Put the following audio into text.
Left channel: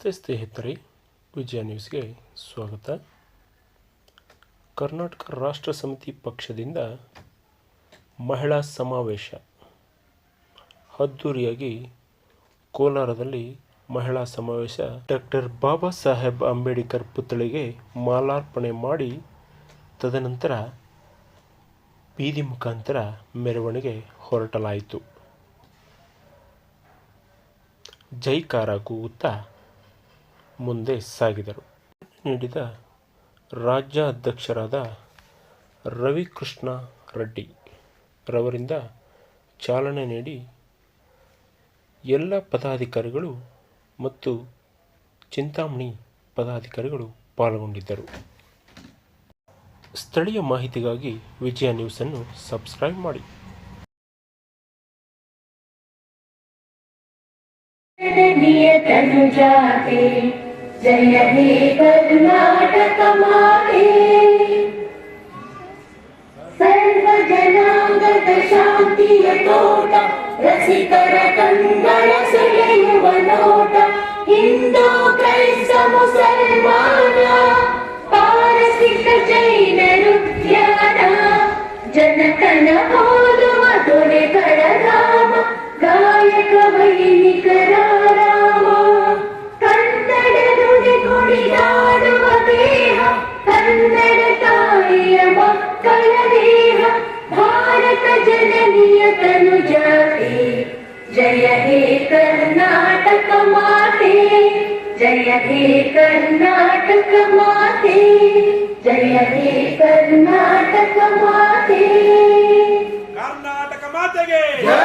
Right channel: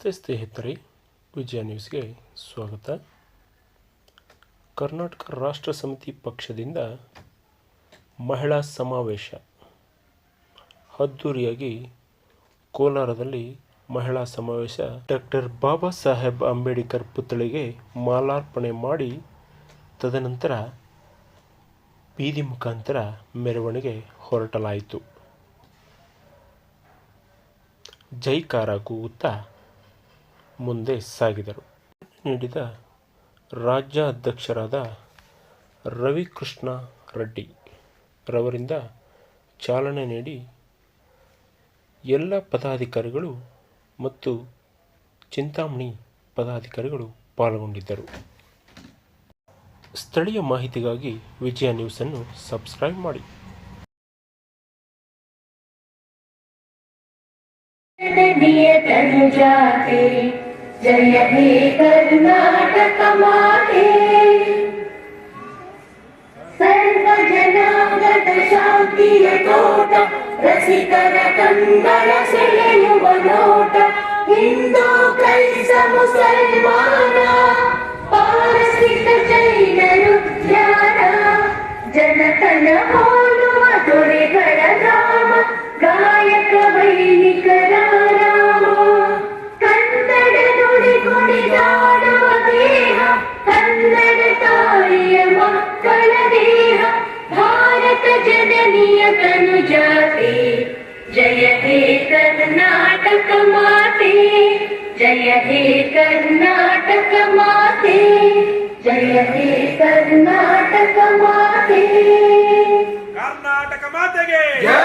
ನಮಸ್ತೆ ಸ್ನೇಹಿತರೆ, ವಿಜಯ ನ್ಯೂಸ್ಗೆ ಸ್ವಾಗತ. ಕರ್ನಾಟಕ ರಾಷ್ಟ್ರ ಸಮಿತಿ ಪಕ್ಷದಿಂದ ಮಹಿಳಾ ಸಮಾವೇಶ ಅದ್ದೂರಿಯಾಗಿ ಕೋಲಾರದಲ್ಲಿ ಮಹಿಳಾ ಸಮಾವೇಶ. ಡಾಕ್ಟರ್ ಬಾಬಾ ಸಾಹೇಬ್ ಅಂಬೇಡ್ಕರ್ ಪುತ್ಥಳಿಗೆ ಮಾಲಾರ್ಪಣೆ ಮಾಡಿ ತದನಂತರ ಬೀದಿ ಮುಖಾಂತರ ಮೆರವಣಿಗೆ ಹೊರಟಲಾಯಿತು. ಜೈಕಾರ ಕೂಗುತ್ತಾ ಮುಂದೆ ಸಾಗಿದರು. ನೀಡಿದ ರಾಜ್ಯಾಧ್ಯಕ್ಷರಾದ ರವಿಕೃಷ್ಣ ರೆಡ್ಡಿ ರವರಿಂದ ಚಾಲನೆ ನೀಡಿ ಎಲ್ಲ ಪದಾಧಿಕಾರಿಗಳು ಮತ್ತು ಚಿಂತಾಮಣಿ ಪದಾಧಿಕಾರಿಗಳು ಪಾಲ್ಗೊಂಡಿದ್ದರು. ಸ್ಥಳೀಯ ಮಾಹಿತಿಗಾಗಿ ವಿಜಯ ನ್ಯೂಸನ್ನು ಸಬ್ಸ್ಕ್ರೈಬ್ ಮಾಡಿ. तनुजाते जय हे कर्नाटक माते, सर्वजनागत शांतिय तोಟ रसिकर कंगल सेयुव नोಟ, हिंदू क्రైస్త मुसलमान पारसिक जैनರು ಧ್ಯಾನ, ಜನತನ ಹೋಲುವ ದೊರೆಗಳ ಧಾಮ, ಗಾಯಕ ವೈಣಿಕರ ರಾಮ, ಕನ್ನಡ ನುಡಿ ನುಡಿದಾಡುವ ದೇಹ, ಕನ್ನಡ ತಾಯಿಯ ಮಕ್ಕಳ ದೇಹ, ಭಾರತ ಜನನಿಯ ತನುಜಾತೆ ಜಯ ಹೇ ಕರ್ನಾಟಕ ಮಾತೆ, ಜಯ ಹೇ ಕರ್ನಾಟಕ ಮಾತೆ, ಜಯ ಹೇ ಕರ್ನಾಟಕ ಮಾತೆ. ಕರ್ನಾಟಕ ಮಾತೆಗೆ ಜಯ.